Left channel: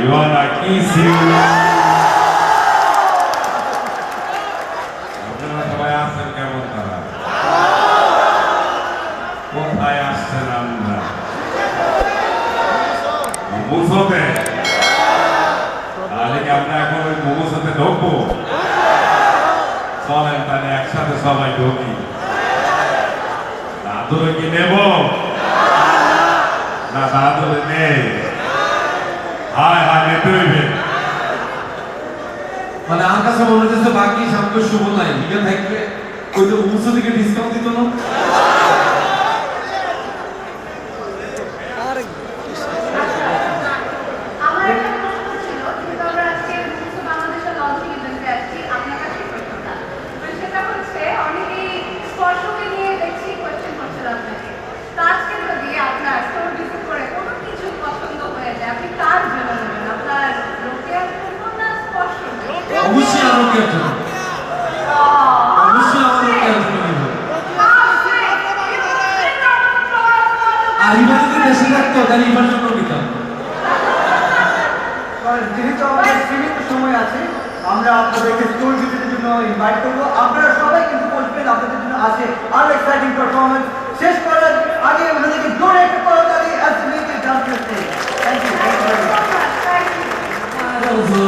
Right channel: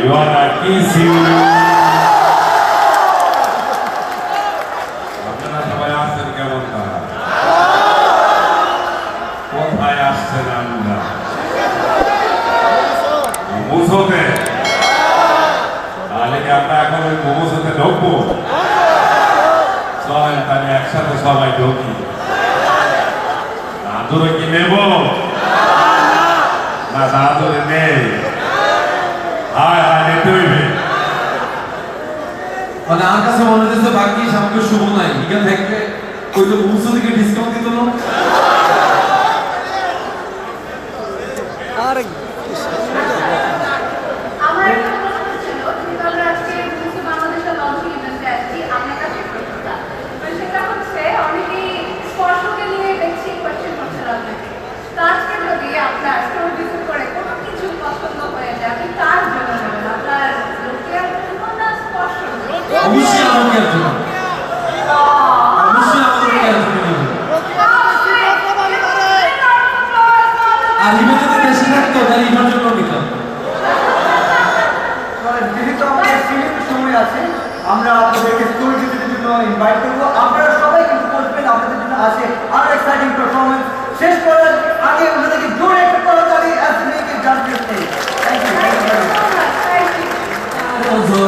I wanna kiss you. আপনারা সবাই আসছেন কেমন তারা? কোথায় আসছেন আমরা? মোমোসতে? তাহলে কি আমরা এখন ওই মোমোসতে ঢুকবো? সবাই তাহলে একসাথে সবাই ঢুকি। দাদুরে কি নেব? না দাদুরে নেই। হায় হায় নিতে হইবে। মানে আমার কাছে মনে হচ্ছে বাকি সামনে শুভ নাই লিখে থাকলে ওই তো মুসু থেকে ডিসকাউন্ট দিত না আরে অবশ্যই আমাকে আছে অবশ্যই আমাকে আছে আর ইভানকে দেশে রাখতো তার ইভার জন্য নিতাম যেহেতু আমাদের সিলেক্ট সময় আছে আমরা আপনাদেরকে স্টোর ভিজিটের জন্য ইনভাইট করবো আপনারা সবাই কিন্তু বলবেন আপনাদের জন্য আছে আরো এক্সাইটিং পারফরমেন্স শেষ করার আগে ওনাদেরকে জোরে একটা করে তালি অ্যাসেম্বলিকে জানতে চাই থ্যাংক ইউ Those who